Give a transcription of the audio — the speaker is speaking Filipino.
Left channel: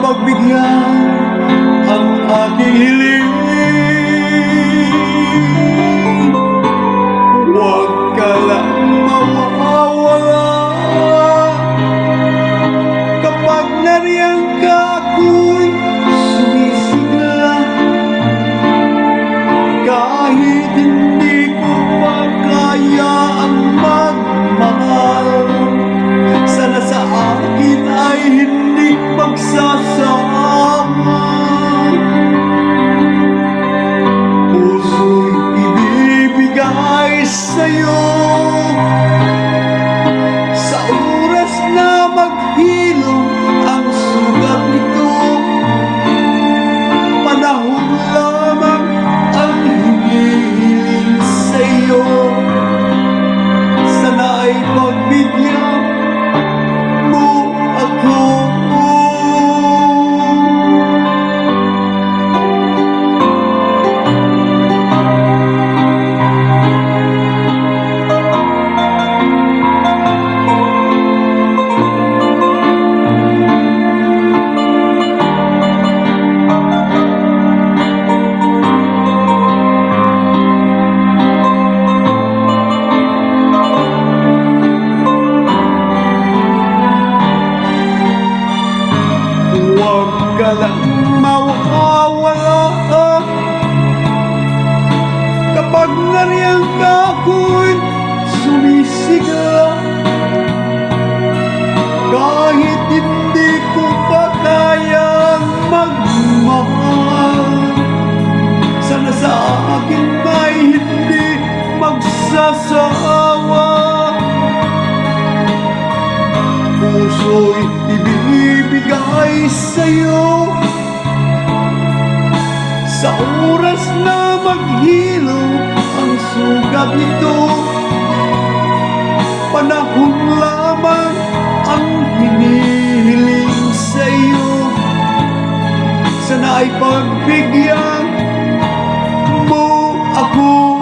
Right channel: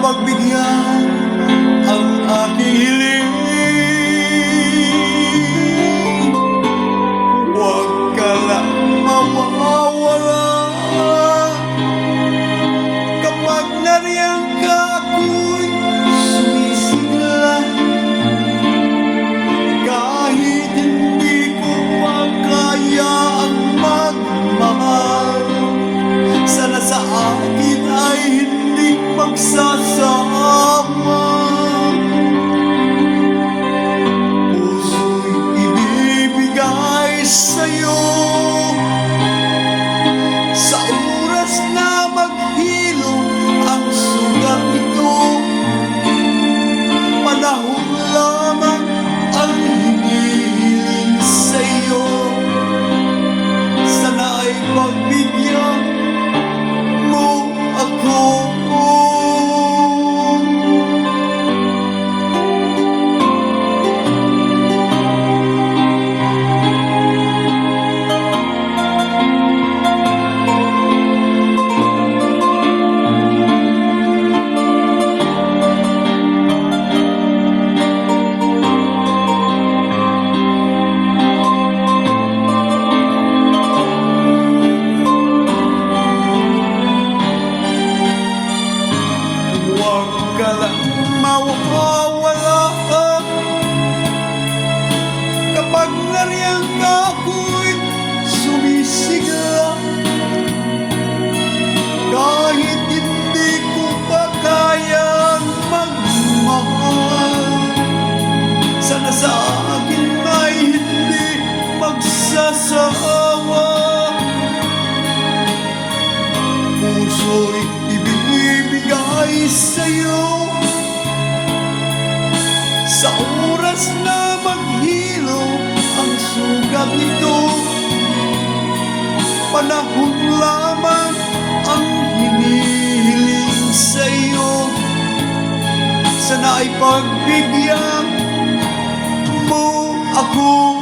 pagbigyan ang aking hiling. Huwag ka lang mawawala. Kapag nariyan ka, ako'y sumisigla. Kahit hindi ko pa kaya ang magmahal, sana sa akin ay hindi magsasama. Puso'y ibibigay sa'yo sa oras na maghilom ang sugat nito. Panahon lamang ang hinihiling sa'yo. Sana'y pagbigyan mo ako. Huwag ka lang mawawala. Kapag nariyan ka, ako'y sumisigla. Kahit hindi ko pa kayang magmahal, sana sa akin ay hindi magsasawa. Puso'y ibibigay sa'yo sa oras na maghilo ang sugat nito. Panahon lamang ang hinihiling sa'yo. Sana'y pagbigyan mo ako.